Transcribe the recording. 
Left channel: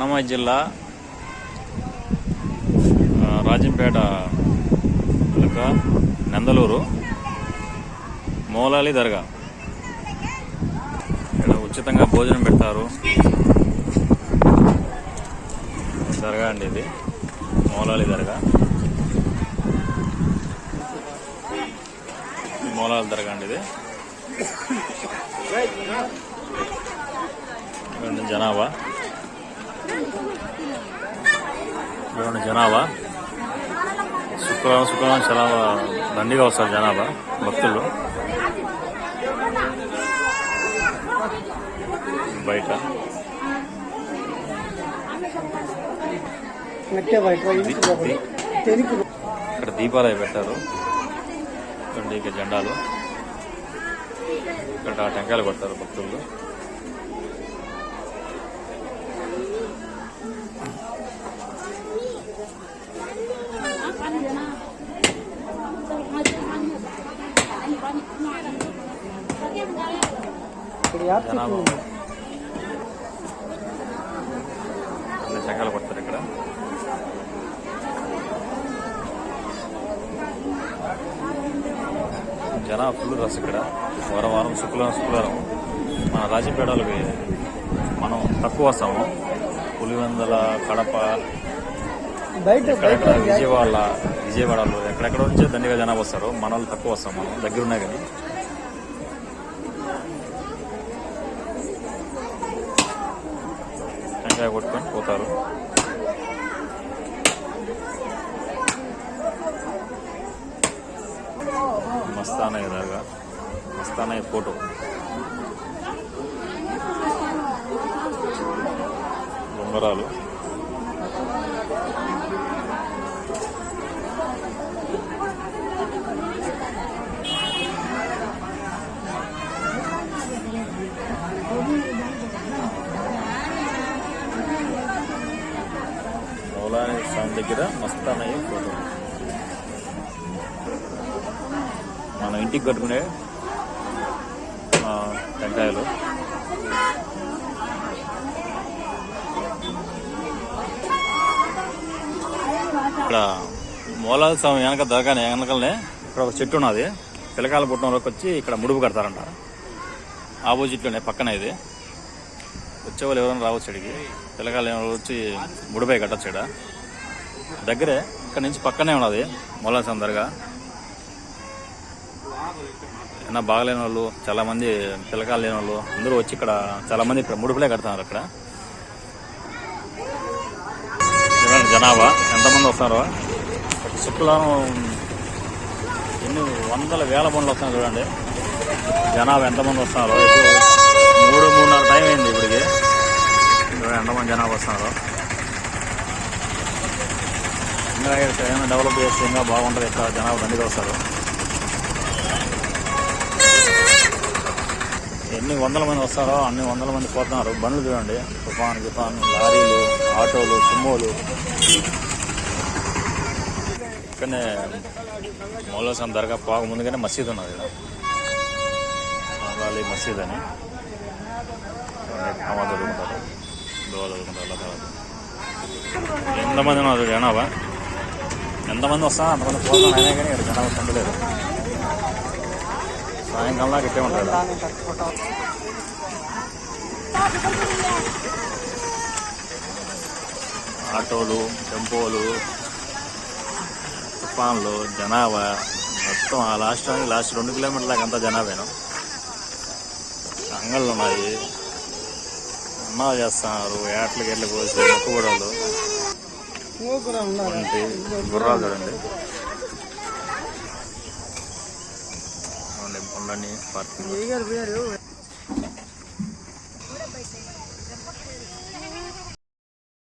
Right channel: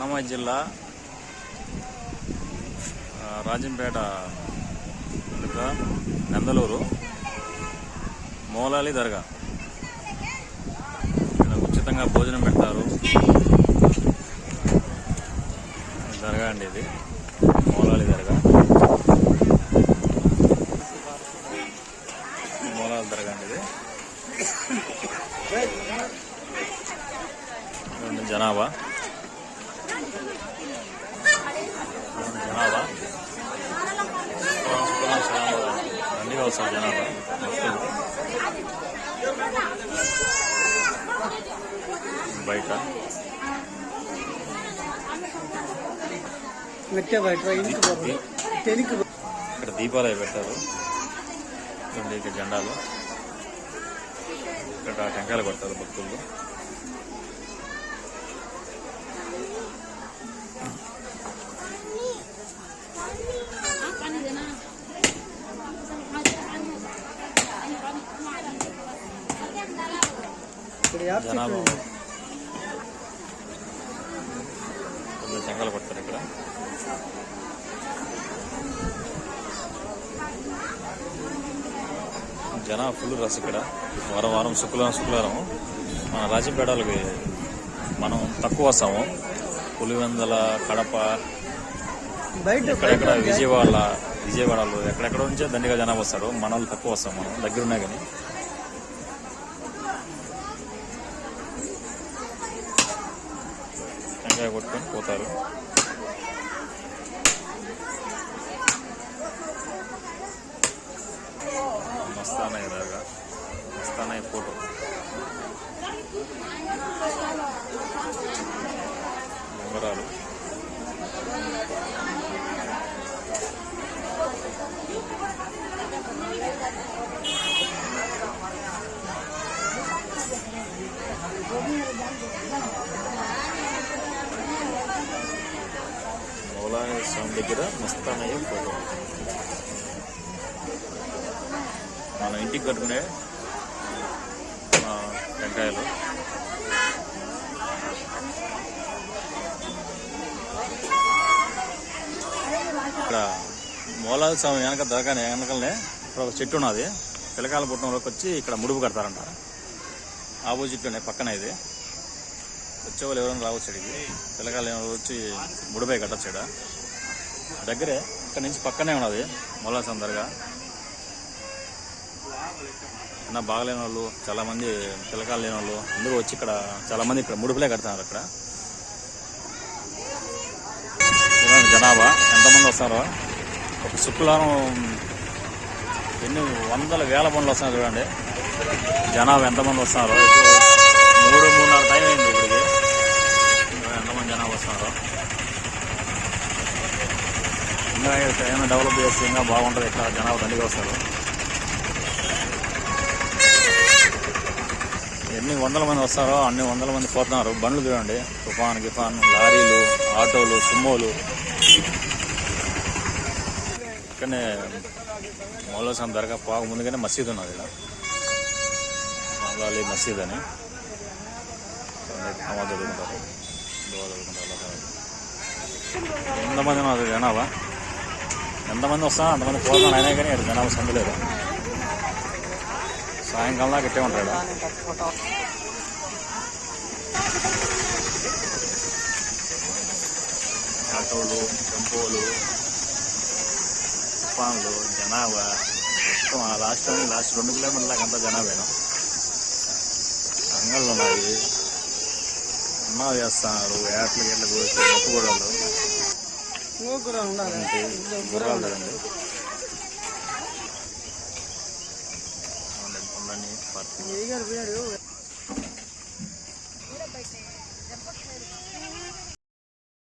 అన్నమయ్య జిల్లా రాజంపేట వెనుక నందలూరు మోలాలి దర్గా. ఇక్కడ ఉచితంగా భోజనం పెడతారు. దర్గా అండి ఇది మోలాలి దర్గా. మౌలాలి దర్గా అండి ఇది. జనాభా. జనాభా. శుక్రవారం శుక్రవారం చాలా దండిగా వస్తారు జనాభా భక్తులు. బయట. ఇక్కడ దీపాలు అవి పెట్టారు జెండాలు. ఇక్కడ టెంకాయలు కొడతారు భక్తులు. ఇక్కడ యాప్ చెట్లు టెంకాయలు కొడతారు ఇక్కడ. జన ఫుల్ రస్ ఇక్కడ. వారం వారం శుక్రవారం శుక్రవారం మన రాజపేటలకి మనం తక్కువ వస్తాము. పులివెందల కడప బయట ఎక్కడెక్కడ విజయవాడ విజయవాడలో ఎక్కడెక్కడ నుంచో దండిగా జనాభా వస్తారు. మన వాళ్ళు తక్కువ వస్తాం మనం దగ్గరున్నా కానీ. టెంకాయ కొట్టుకొని పోతారు. మస్తానయ్య దాకా మస్తానయ్య ఫోటో. ఉంగరాలు మౌలాని స్వామి దగ్గర మస్తానయ్య ఫోటో. మనం ఇంటికి కట్టుకునే టెంకాయలు. ఇక్కడ మూలాల స్వామి వెనక దొరకని వెనకలనే ఇక్కడ ఒక చెట్టు ఉన్నది. పిల్లకాయల పుట్టంలోకి వచ్చి ఇక్కడ ముడుపు కడతారంట. ఆపోజిట్లోనే పక్కన ఇది. వచ్చేవాళ్ళు ఎవరైనా రావచ్చు ఇక్కడికి. పిల్లకాయలు ఎవరు వచ్చి ముడిపై కట్టచ్చు ఇక్కడ దగ్గరే ఇక్కడ నుంచి పక్కనే ఉన్నది మొలా స్వామి అయినా ఏమన్నా బాగలేని వాళ్ళు చాలా మంది పిల్లకాయలు లేని వాళ్ళు అందరూ వచ్చి ఇక్కడ చాలా మంది ఇక్కడ ముడుపులే కడుతున్నారు ఇక్కడ జనాభా ఎంతమంది వస్తారో. ఒక శుక్రవారం ఎన్ని వందల వేల బండ్లు వస్తున్నాయి చూడండి. జనాభా ఎంతమంది వస్తున్నారో. ఇప్పుడు మూడు మూడున్నర టైం అయింది. జనాభా వస్తున్నారు ఇంకా ఏమైనా డెవలప్ చేస్తే ఇంకా బాగుంటుంది. ఇక్కడ జనాభా దండిగా వస్తారు. ఎన్ని వందల మంది వస్తారో అన్ని వందల మంది పోతున్నారు బండ్లు చూడండి. తుఫాన్ గిఫాన్ లారీలు ఆటోలు సుమ్మోలు కానీ మౌలసం దర్గా పాకు ముందుగానే మసీద్ ఉన్నది. మసీద్ అని. నమాజ్ జరుగుతారు ఎంతమంది ఉన్నారు? జనాభా ఎంతమంది వస్తామో అంతమంది పోతాం? అయినా కానీ ఇక్కడ జనాభా సండి సాయంకాలం దాకా ఇట్టే ఉంటాడు ఆటోలు టెంపోలు తుఫాన్లు జనాభా మొత్తం ఆ లాస్ట్ లాస్ట్ రెండు కిలోమీటర్ల దాకా అంతా జనాభాను అంగళ్ళు ఉన్నాయి. అన్నాలు చేస్తున్నారు ఏట్ల గెట్ల కోసి మొక్క కూడా గుర్రాలు చూడండి. చూడండి పార్కింగ్